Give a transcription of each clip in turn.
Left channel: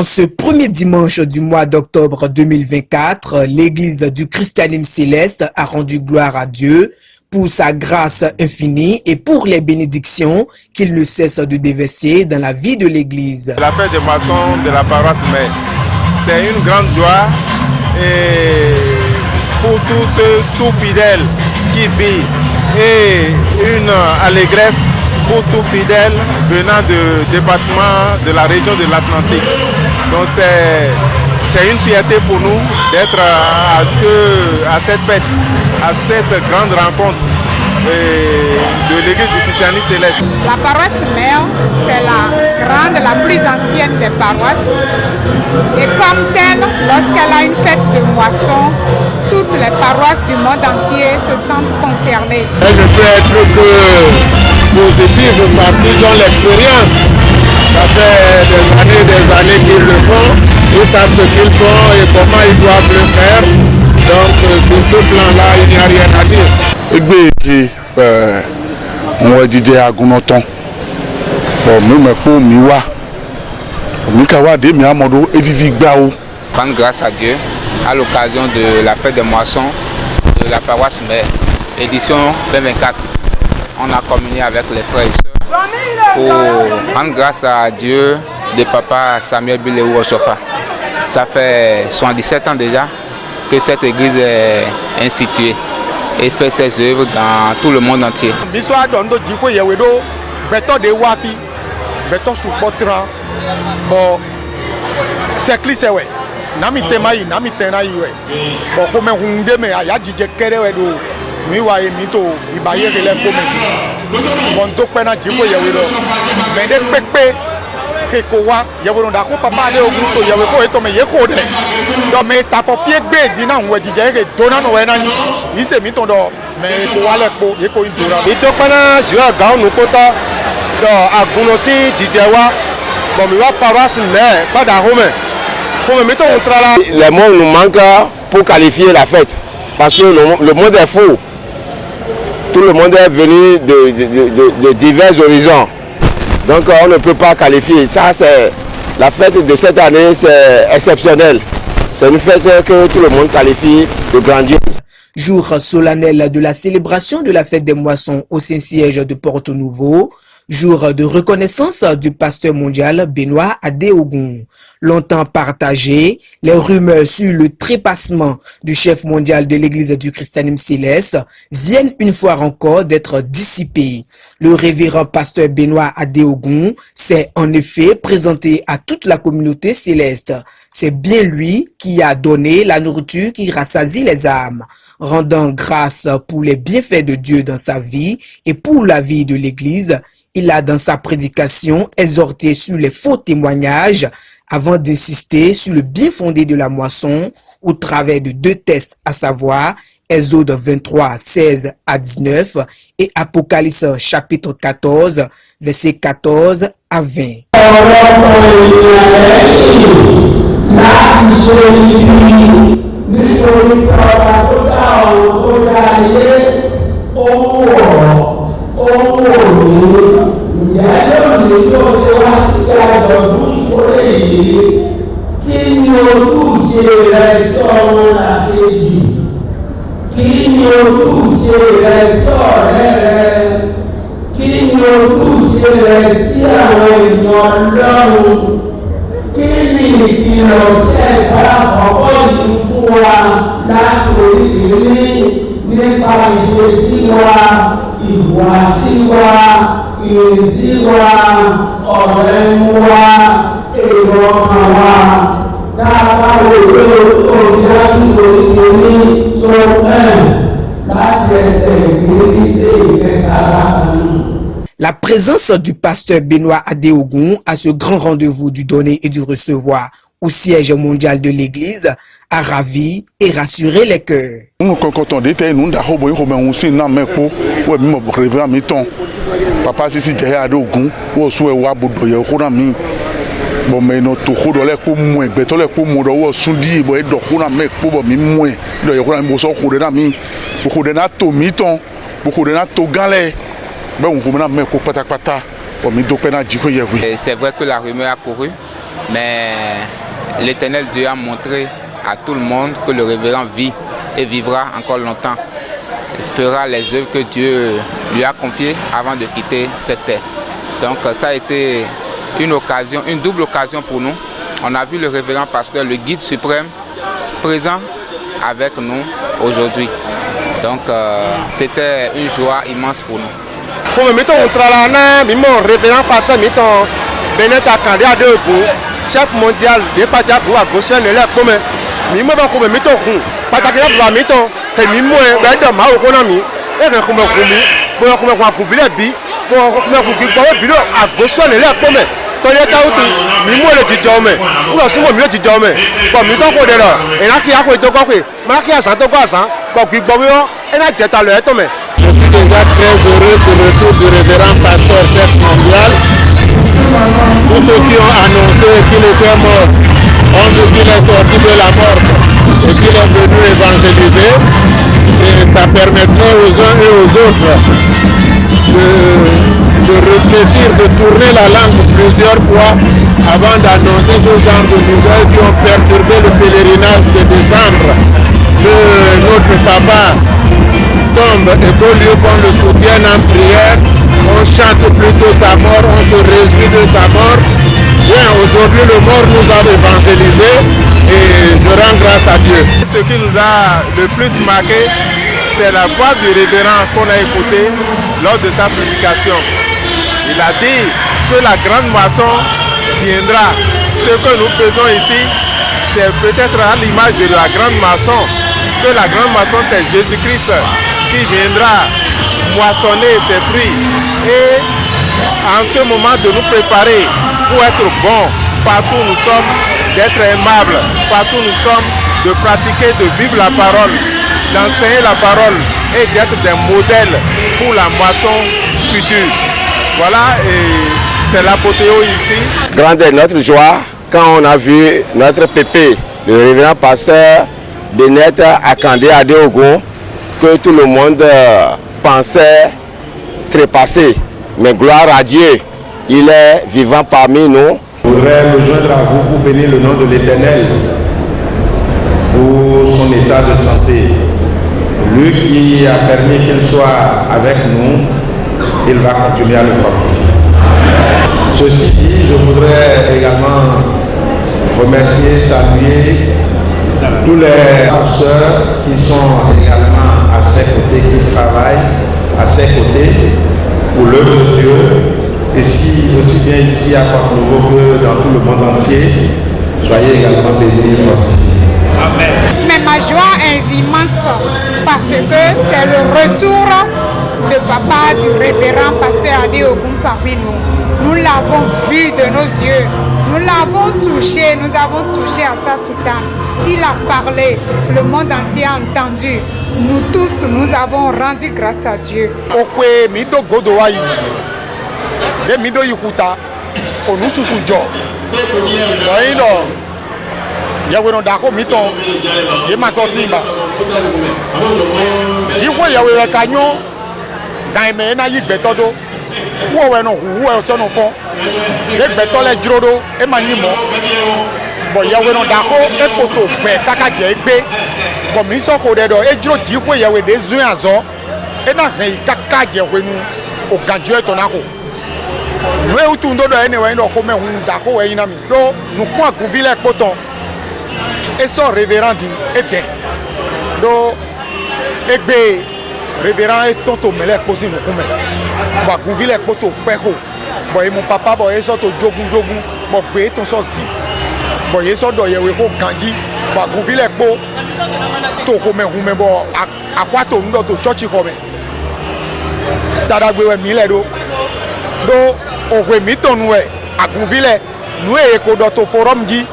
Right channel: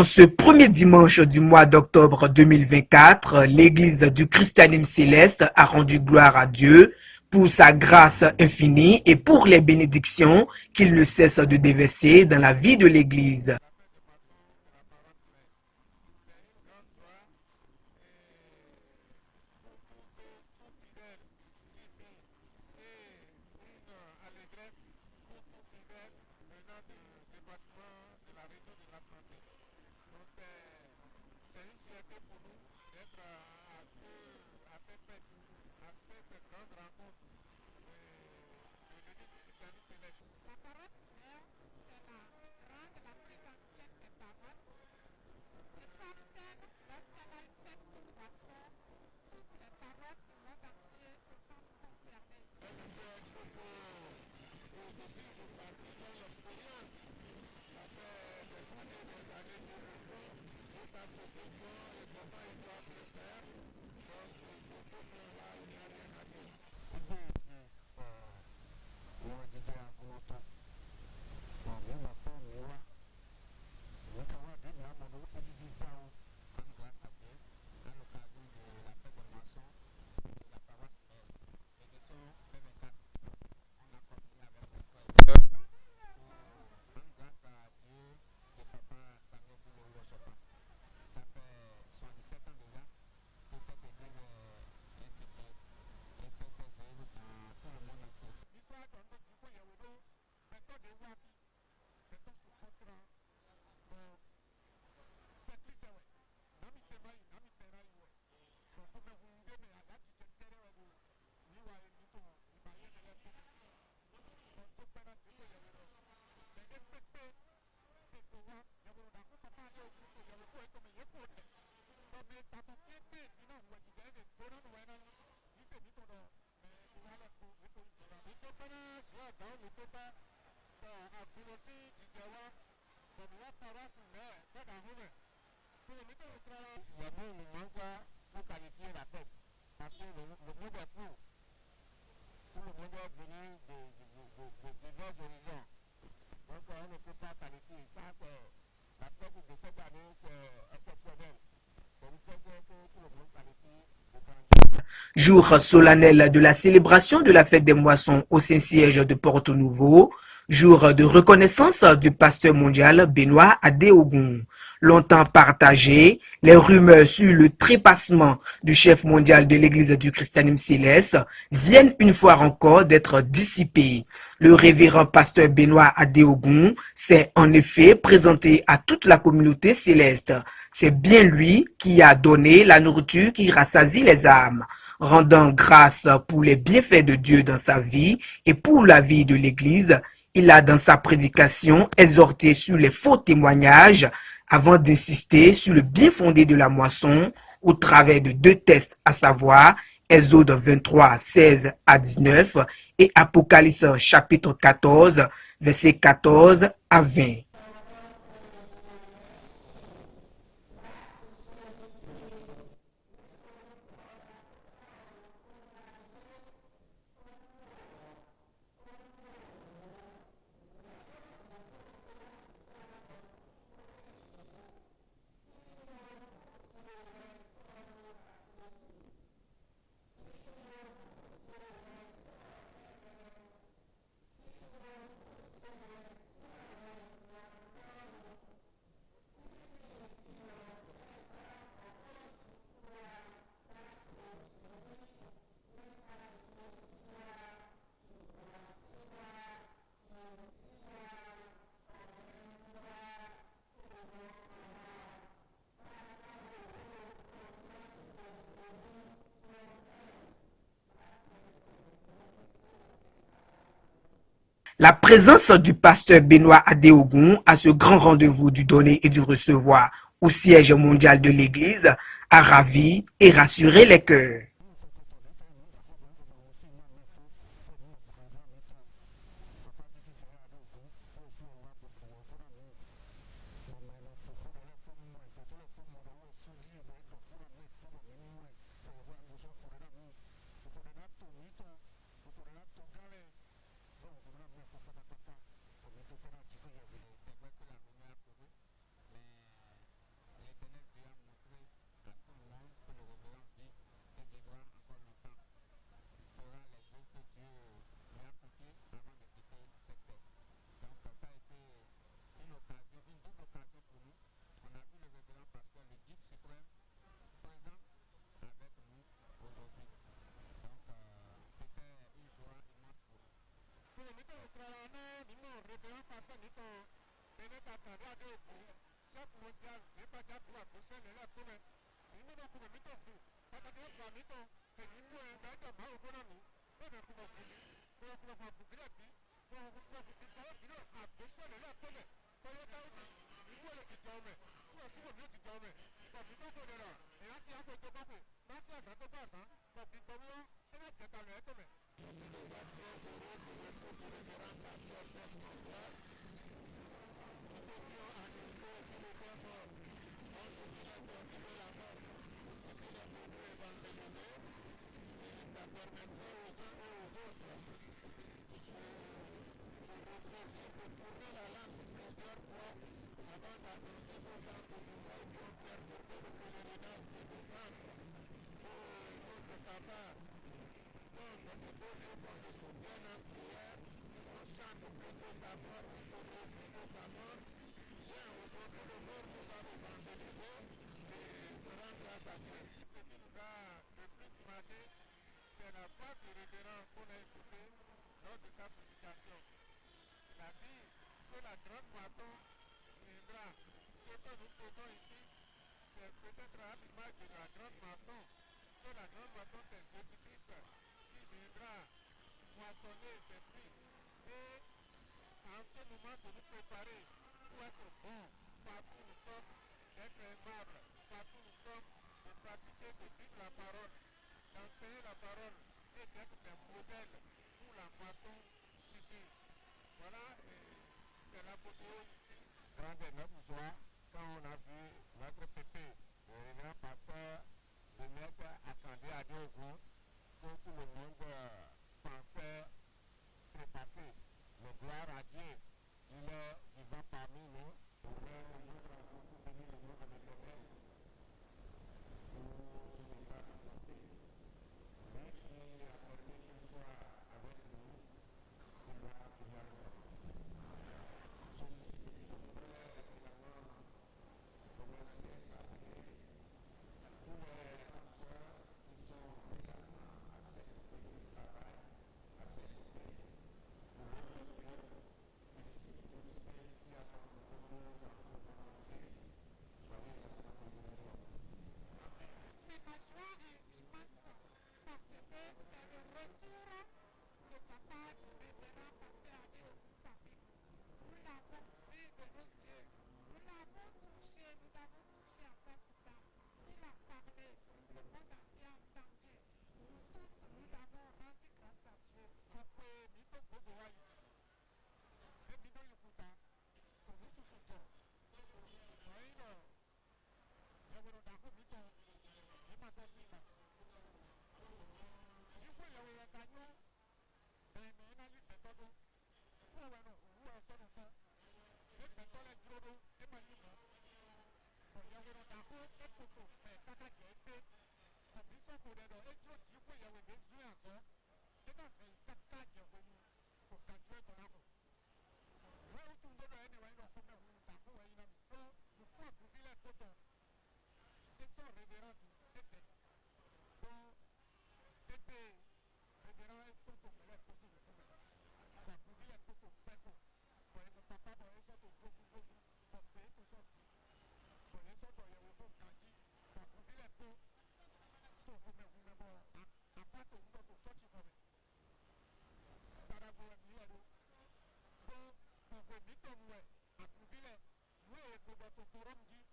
En ce premier dimanche du mois d'octobre 2024, l'Église du Christianisme céleste a rendu gloire à Dieu pour sa grâce infinie et pour les bénédictions qu'il ne cesse de déverser dans la vie de l'Église. La fête des moissons de la paroisse mère, c'est une grande joie et pour tous fidèles qui vivent et une allégresse pour tous fidèles venant du département de la région de l'Atlantique. Donc c'est une fierté pour nous d'être à cette fête, à cette grande rencontre de l'Église du christianisme céleste. La paroisse mère, c'est la plus ancienne des paroisses. Et comme telle, lorsqu'elle a une fête de moisson, toutes les paroisses du monde entier se sentent concernées. Elle ne peut être que positive parce qu'ils ont l'expérience. Ça fait des années qu'ils le font. Ils savent ce qu'ils font et comment ils doivent le faire. Donc sur ce plan-là, il n'y a rien à dire. Moi, Didier Agunoton. Rendre grâce à Dieu à l'occasion de la fête des moissons de la paroisse mère, édition 2024. On a communié avec les frères et sœurs pour rendre grâce à Dieu de papa Samuel Bileou Osofa. Ça fait 77 ans déjà que cette église est instituée et fait ses œuvres dans tout le monde entier. Les mots nous manquent pour qualifier la fête, parce que le monde est fou. Tout le monde est venu de divers horizons. Donc on ne peut pas qualifier. Ça, c'est la fête de cette année, c'est exceptionnel. C'est une fête que tout le monde qualifie de grandiose. Jour solennel de la célébration de la fête des moissons au Saint-Siège de Porto-Nouveau. Jour de reconnaissance du pasteur mondial Benoît Adéogun. Longtemps partagé, les rumeurs sur le trépassement du chef mondial de l'Église du christianisme céleste viennent une fois encore d'être dissipées. Le révérend pasteur Benoît Adéogun s'est en effet présenté à toute la communauté céleste. C'est bien lui qui a donné la nourriture qui rassasie les âmes, rendant grâce pour les bienfaits de Dieu dans sa vie et pour la vie de l'Église. Il a dans sa prédication exhorté sur les faux témoignages avant d'insister sur le bien fondé de la moisson au travers de deux textes, à savoir Exode 23, 16 à 19 et Apocalypse chapitre 14, versets 14 à 20. La présence du pasteur Benoît Adéogun à ce grand rendez-vous du donner et du recevoir au siège mondial de l'Église a ravi et rassuré les cœurs. Papa sisi jẹ Adéogun wo sun ewa bodo ye ko na mi bo me no to ko do le ko mu egbe to le ko mu do wo sun di bo e do ko na me ko bo mi mu e do ye ko na mi bo so ko de na mi bo ko de na to mi ton bo ko de na to gale be un ko na me ko pátápátá bo mi do pe na ji ko ye wi. C'est vrai que la rumeur a couru Mais l'Éternel Dieu a montré à tout le monde que le révérend vit et vivra encore longtemps. Il fera les œuvres que Dieu lui a confiées avant de quitter cette terre. Donc ça a été une occasion, une double occasion pour nous. On a vu le révérend pasteur, le guide suprême, présent avec nous aujourd'hui. Donc c'était une joie immense pour nous. Comme mettons au Tralana, mon révérend pasteur, mettons Benet Akande Adeogun, chef mondial de Pajabu à Goshen et là comme mimo ba comme mettons pataki ba mettons et mimo ba de ma okonami et comme kumi bo comme kwa kubile bi bo comme ku bi bo bi à Goshen et là comme tole tautu mimo le dijome ou si mo mi le dijome bo mi so ko de la et là qui a ko to ko pe ma ki asan to ko asan bo ki bo yo et na jeta le to me. Je suis déjà très heureux pour le tour du révérend pasteur chef mondial. Tous ceux qui ont annoncé qu'il était mort ont vu qu'il est sorti de la mort et qu'il est venu évangéliser. Et ça permettrait aux uns et aux autres de réfléchir, de tourner la langue plusieurs fois avant d'annoncer ce genre de nouvelles qui ont perturbé le pèlerinage de décembre. Que notre papa tombe et qu'au lieu qu'on le soutienne en prière, on chante plutôt sa mort, on se réjouit de sa mort. Bien, aujourd'hui le mort nous a évangélisé et je rends grâce à Dieu. Ce qui nous a le plus marqué, c'est la voix du révérend qu'on a écouté lors de sa prédication. Il a dit que la grande moisson viendra. Ce que nous faisons ici, c'est peut-être à l'image de la grande moisson, que la grande moisson c'est Jésus-Christ qui viendra moissonner ses fruits et en ce moment de nous préparer pour être bons partout où nous sommes, d'être aimables partout où nous sommes, de pratiquer, de vivre la parole, d'enseigner la parole et d'être des modèles pour la moisson future. Voilà, et c'est l'apothéose ici. Grande est notre joie quand on a vu notre pépé, le révérend pasteur Benet Akande Adeogun, que tout le monde pensait trépasser. Mais gloire à Dieu, il est vivant parmi nous. Je voudrais me joindre à vous pour bénir le nom de l'Éternel pour son état de santé. Lui qui a permis qu'il soit avec nous, il va continuer à le fortifier. Ceci dit, je voudrais également remercier, saluer tous les pasteurs qui sont également à ses côtés, qui travaillent à ses côtés pour l'œuvre de Dieu, et si, aussi bien ici à Port-Nouveau que dans tout le monde entier. Soyez également bénis. Amen. Mais ma joie est immense parce que c'est le retour de papa, du révérend pasteur Adeogun parmi nous. Nous l'avons vu de nos yeux, nous l'avons touché, nous avons touché à sa soutane. Il a parlé, le monde entier a entendu. Nous tous, nous avons rendu grâce à Dieu. Bon, il y a un dako et poto kaka djegbe bon mi so ko dedo e jiro di ko yawe de zun azo e na han kaka djegbe nu o ganjo e to na ko we utu ndo do anyway no ko me hun dako we ina mi do nu ko akuvile poto e so révérend di e de do egbe révérend e tonto mele posi nu ko me ba akuvile poto pe ko bon e mon papa bon e so to jogun bon pe ton so si bon ye so do ye we ko ganji ba guvile po to ko me hu me bo akwa to ndo to church ko me dada gbe we mi le do o we mi to nu e aguvile nu e ko do to forum ji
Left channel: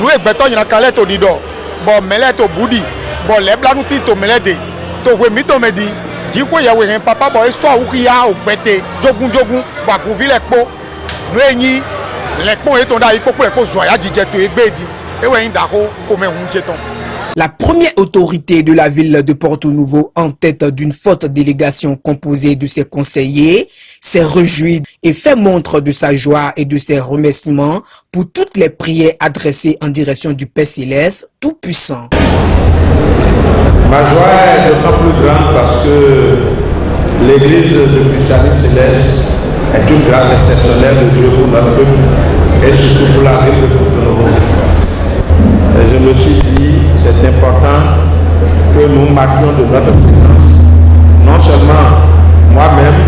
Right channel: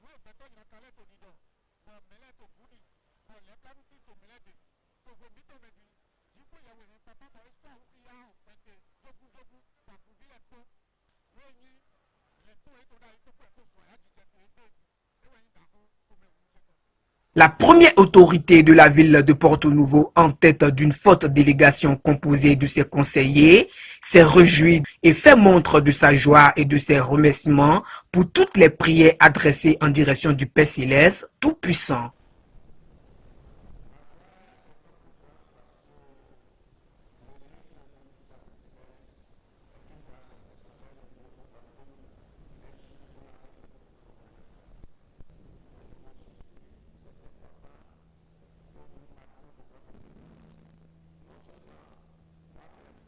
nu e gbe to yin kan le to di do bo mele to budi bo le blanu ti to mele de to we mi to me di ji ko ye we hen papa bo e so awu ya o gbete jogun ba guvile po nu eyin. La première autorité de la ville de Porto Novo, en tête d'une forte délégation composée de ses conseillers, s'est réjoui et fait montre de sa joie et de ses remerciements pour toutes les prières adressées en direction du Père Céleste Tout-Puissant. Ma joie est d'autant plus grande parce que l'Église de Christianisme Céleste est une grâce exceptionnelle de Dieu pour notre peuple et surtout pour la ville de Porto-Novo. Et je me suis dit, c'est important que nous marquions de notre présence, non seulement moi-même,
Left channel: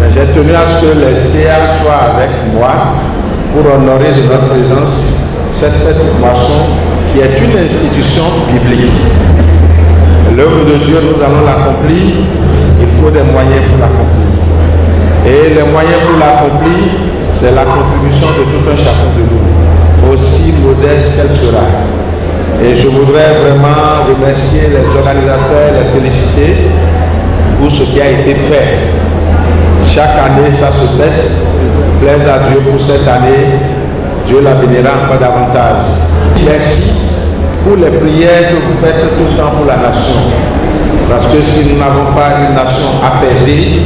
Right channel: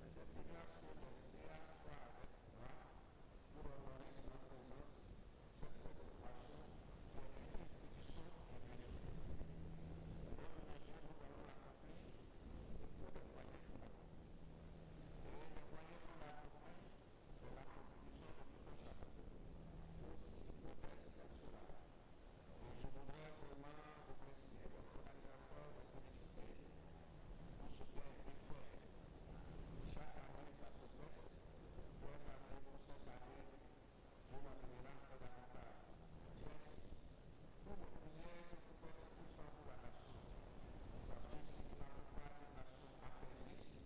mais j'ai tenu à ce que les CA soient avec moi pour honorer de notre présence cette fête de moisson qui est une institution biblique. L'œuvre de Dieu, nous allons l'accomplir, il faut des moyens pour l'accomplir. Et les moyens pour l'accomplir, c'est la contribution de tout un chacun de nous, aussi modeste qu'elle sera. Et je voudrais vraiment remercier les organisateurs, les féliciter pour ce qui a été fait. Chaque année, ça se fête. Plaise à Dieu pour cette année. Dieu la bénira encore davantage. Merci pour les prières que vous faites tout le temps pour la nation. Parce que si nous n'avons pas une nation apaisée,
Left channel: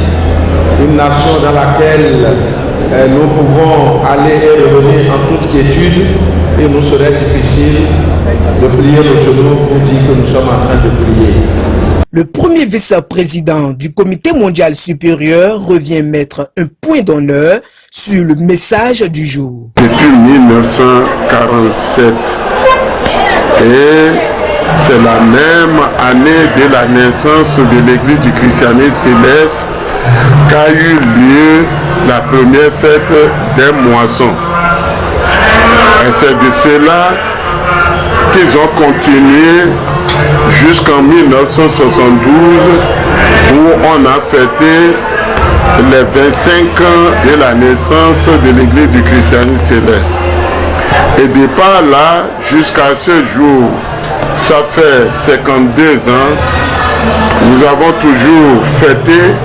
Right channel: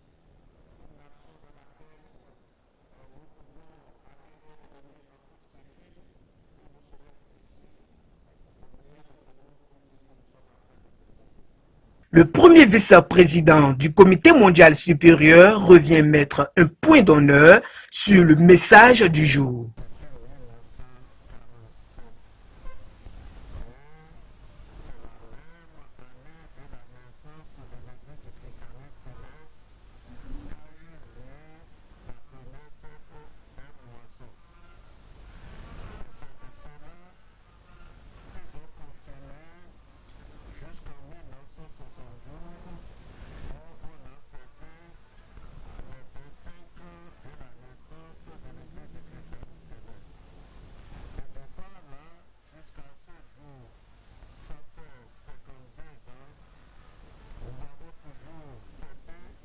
une nation dans laquelle nous pouvons aller et revenir en toute quiétude, il nous serait difficile de plier nos genoux pour dire que nous sommes en train de prier. Le premier vice-président du Comité mondial supérieur revient mettre un point d'honneur sur le message du jour. Depuis 1947, et c'est la même année de la naissance de l'Église du christianisme céleste qu'a eu lieu la première fête des moissons. Et c'est de cela qu'ils ont continué jusqu'en 1972 où on a fêté les 25 ans de la naissance de l'Église du christianisme céleste. Et de par là jusqu'à ce jour, ça fait 52 ans, nous avons toujours fêté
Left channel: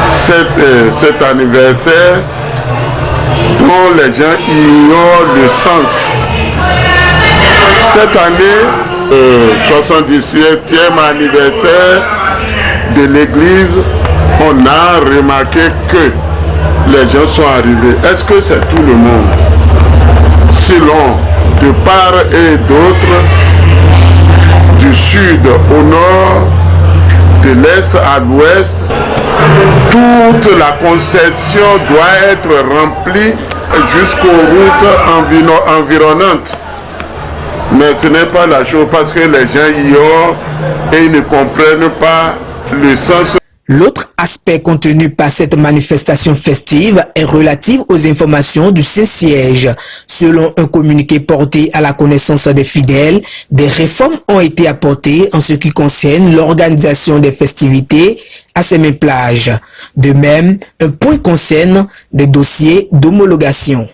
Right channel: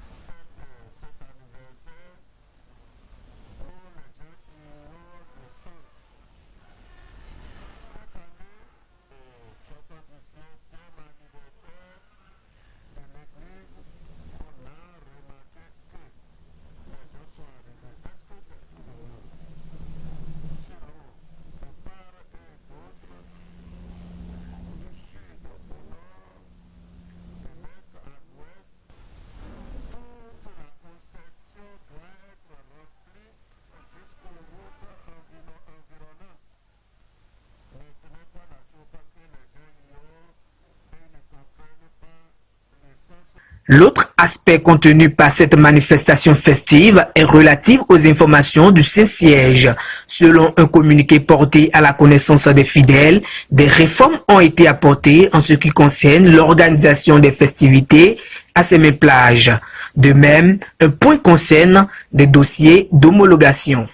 cet anniversaire dont les gens ignorent le sens. Cette année, 77e anniversaire de l'église, on a remarqué que les gens sont arrivés. Est-ce que c'est tout le monde? Selon de part et d'autre, du sud au nord, de l'est à l'ouest, toute la concession doit être remplie jusqu'aux routes environnantes. Mais ce n'est pas la chose parce que les gens ignorent et ils ne comprennent pas le sens. L'autre aspect contenu par cette manifestation festive est relatif aux informations du Saint-Siège. Selon un communiqué porté à la connaissance des fidèles, des réformes ont été apportées en ce qui concerne l'organisation des festivités à ces mêmes plages. De même, un point concerne des dossiers d'homologation.